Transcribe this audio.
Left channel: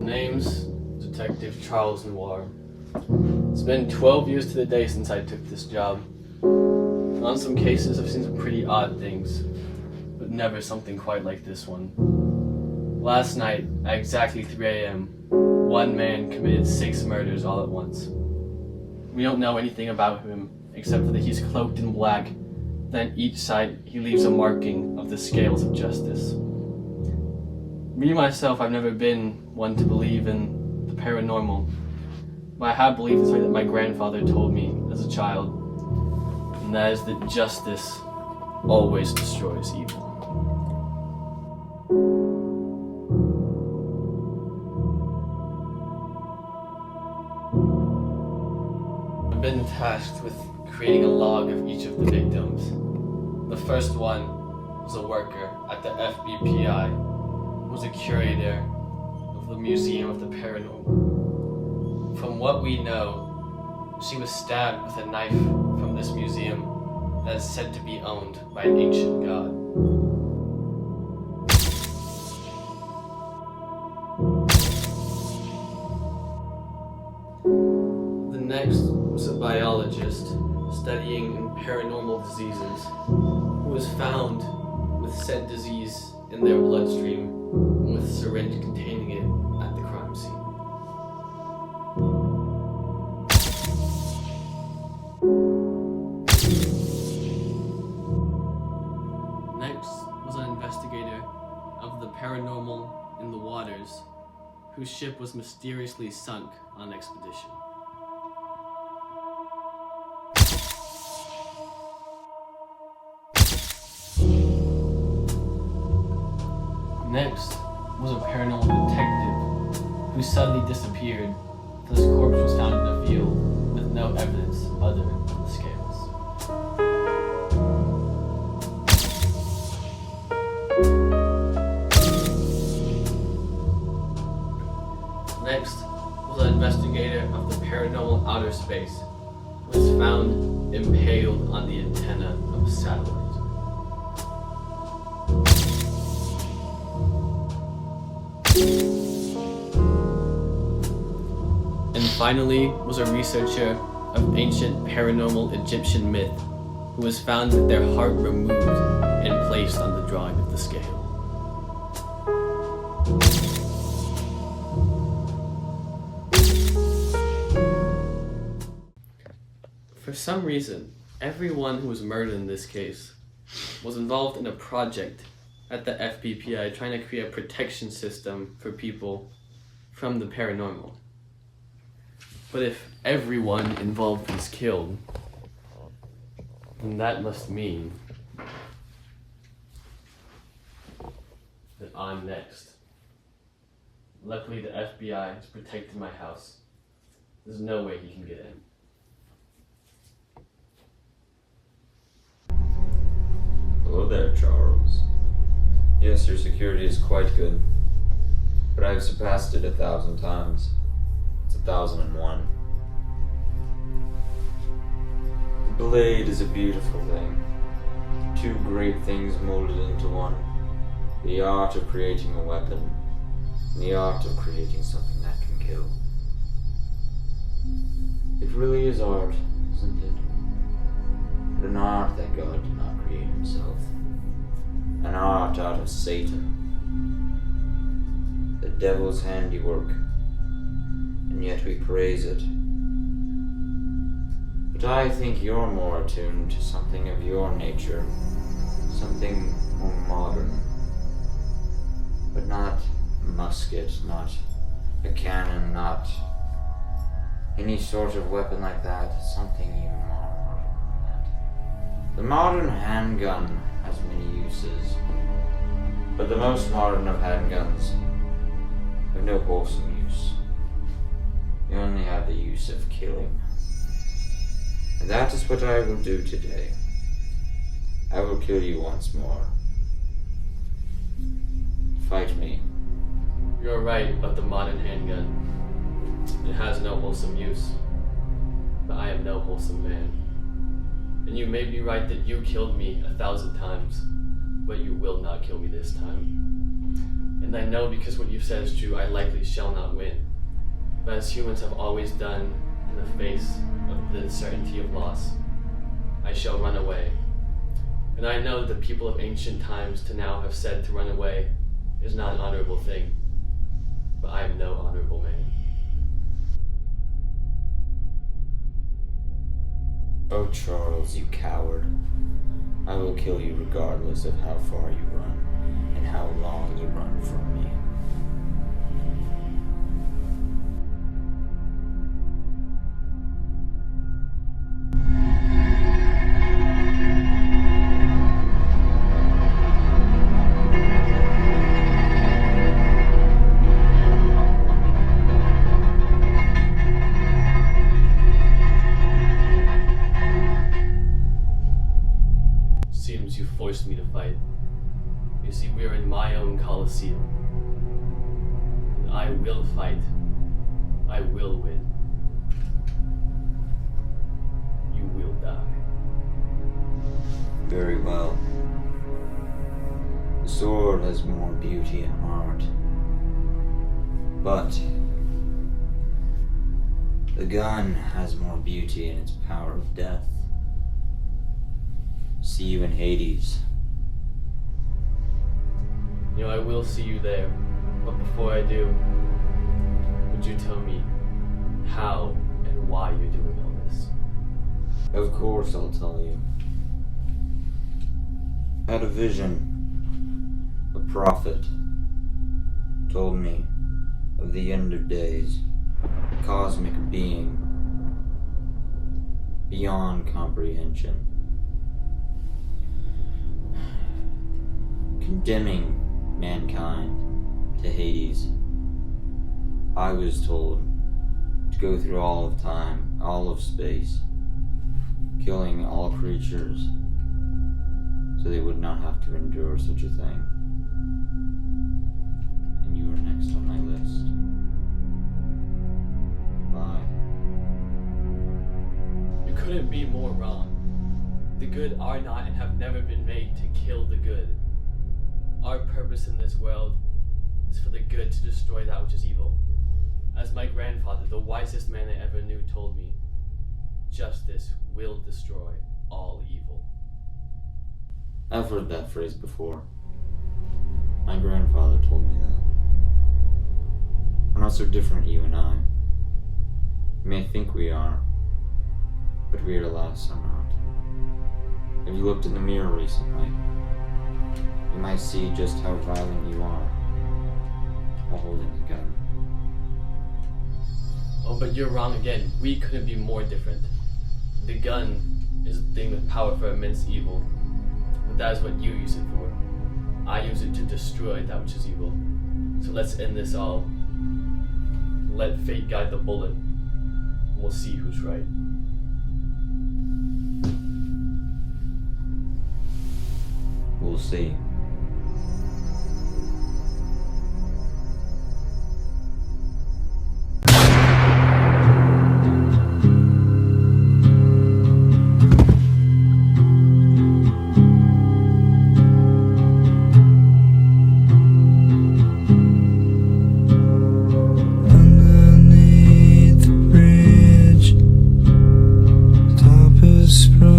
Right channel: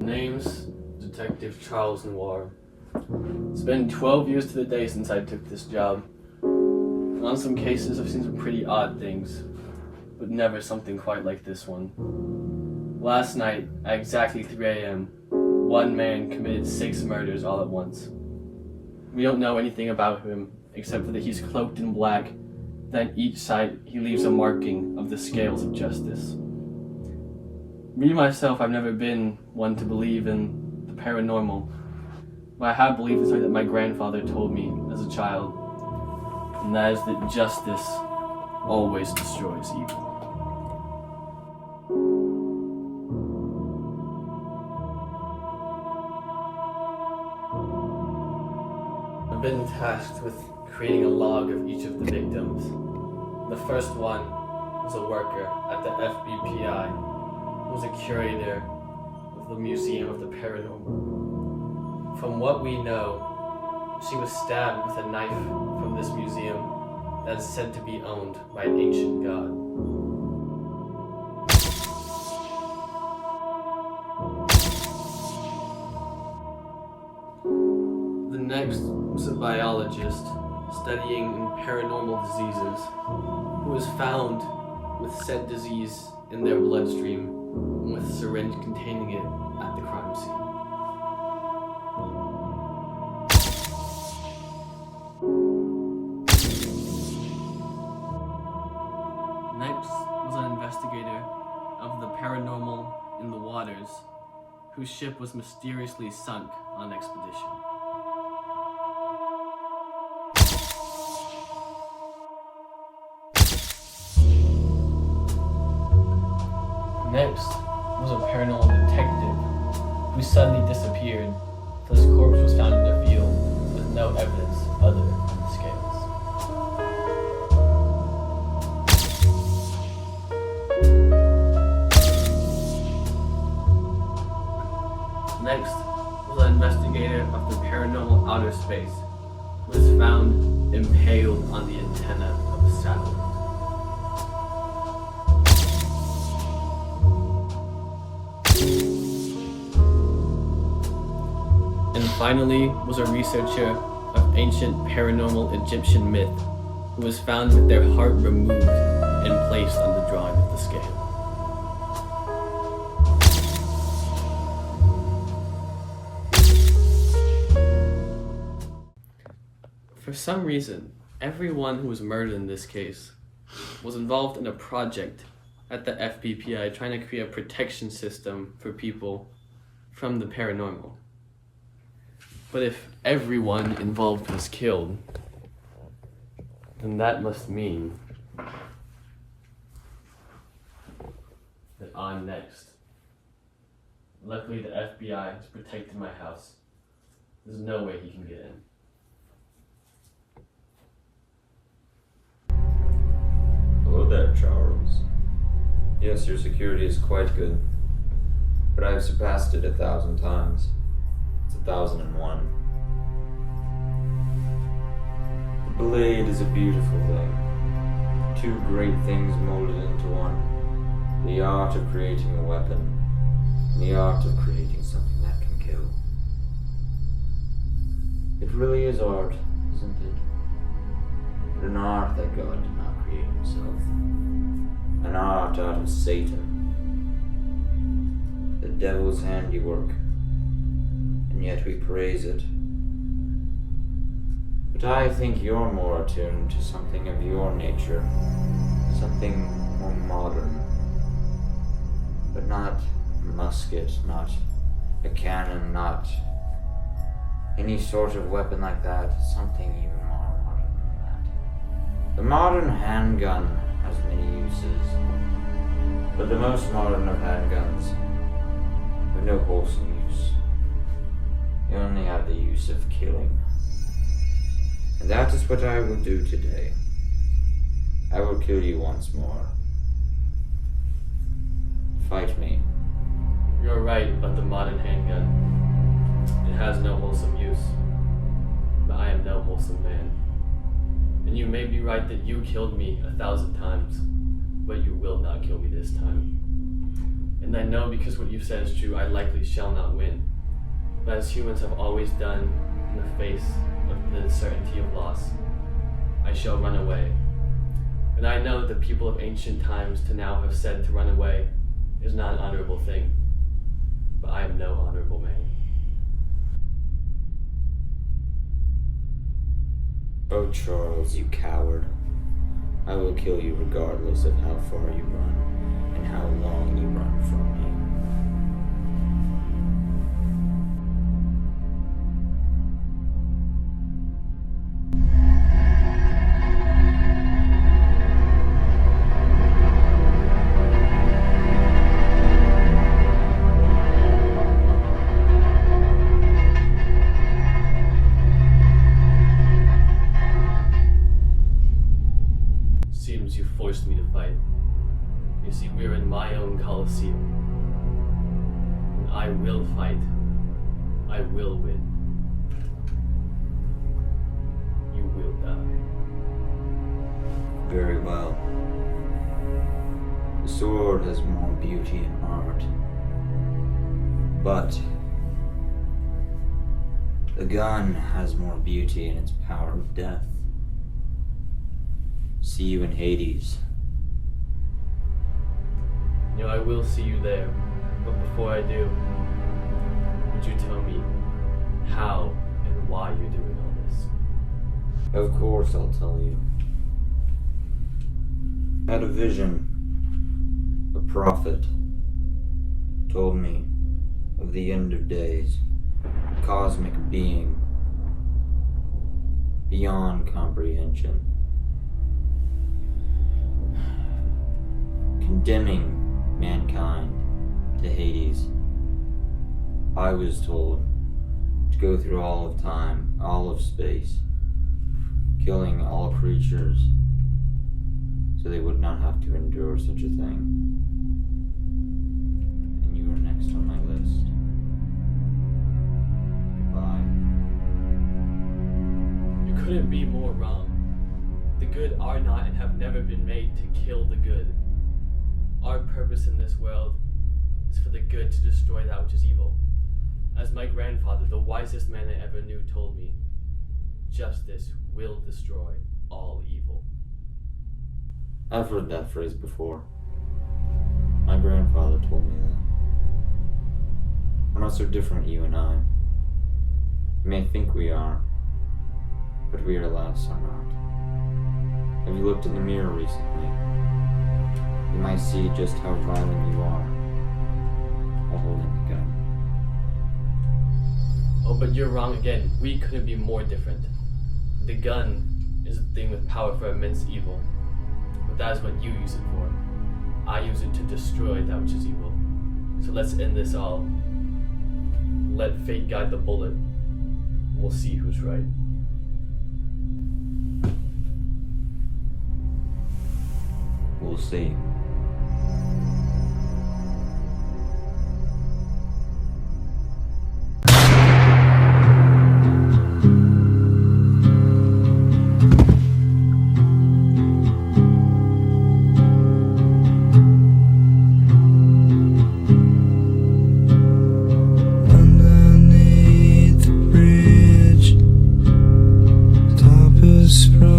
Name's Detective Charles Noir. It's been 12 years to the day since I took this job. On some cases, I've seen some pretty odd things, but never something quite like this one. Last night, at exactly 3 a.m., one man committed 6 murders all at once. We don't know anything about him, except for that he's cloaked in black, then each side he leaves a marking of the scales of justice. Me, myself, I've never been one to believe in the paranormal, but I have believed in something that my grandfather told me as a child, and that is that justice always destroys evil. I've been tasked with creating a log of each of the victims. The first one was a worker at the FBPI, who was a curator of the Museum of the Paranormal. From what we know, she was stabbed with a knife from this museum that is said to be owned by an ancient god. The next was a biologist studying paranormal diseases who was found with said disease in their bloodstream and with a syringe containing it at the crime scene. Next was an investigator of the paranormal in the waters whose ship was mysteriously sunk on an expedition. Next was a paranormal detective who suddenly disappeared until his corpse was found in a field with no evidence other than the scales. Next was an investigator of the paranormal outer space who was found impaled on the antenna of a satellite. And finally was a researcher of ancient paranormal Egyptian myth who was found with their heart removed and placed on the drawing of the scale. For some reason, everyone who was murdered in this case was involved in a project at the FBPI trying to create a protection system for people from the paranormal. But if everyone involved was killed, then that must mean that I'm next. Luckily, the FBI has protected my house. There's no way he can get in. Hello there, Charles. Yes, your security is quite good, but I've surpassed it 1,000 times. It's 1,001. The blade is a beautiful thing. 2 great things molded into one. The art of creating a weapon, and the art of creating something that can kill. It really is art, isn't it? But an art that God did not create himself. An art out of Satan. The devil's handiwork. And yet we praise it. But I think you're more attuned to something of your nature, something more modern. But not a musket, not a cannon, not any sort of weapon like that, something even more modern than that. The modern handgun has many uses, but the most modern of handguns have no wholesome use. They only have the use of killing. And that is what I will do today. I will kill you once more. Fight me. You're right about the modern handgun. It has no wholesome use. but I am no wholesome man. And you may be right that you killed me 1,000 times, but you will not kill me this time. And I know because what you've said is true, I likely shall not win. But as humans have always done in the face of the certainty of loss, I shall run away. And I know the people of ancient times to now have said to run away is not an honorable thing, but I am no honorable man. Oh, Charles, you coward. I will kill you regardless of how far you run and how long you run from me. Seems you forced me to fight. You see, we're in my own Colosseum. And I will fight. I will win. You will die. Very well. The sword has more beauty and art, but the gun has more beauty in its power of death. See you in Hades. You know, I will see you there, but before I do, would you tell me how and why you're doing all this? Of course I'll tell you. I had a vision. A prophet told me of the end of days, a cosmic being beyond comprehension, condemning mankind to Hades. I was told to go through all of time, all of space, killing all creatures so they would not have to endure such a thing. And you are next on my list. Goodbye. You couldn't be more wrong. The good are not and have never been made to kill the good. Our purpose in this world is for the good to destroy that which is evil. As my grandfather, the wisest man I ever knew, told me, justice will destroy all evil. I've heard that phrase before. My grandfather told me that. We're not so different, you and I. We may think we are, but we alas are not. Have you looked in the mirror recently? You might see just how violent you are while holding a gun. Oh, but you're wrong again. We couldn't be more different. The gun is a thing with power for immense evil, but that is what you use it for. I use it to destroy that which is evil. So let's end this all. Let fate guide the bullet, and we'll see who's right. We'll see. Underneath the bridge, top is sprung.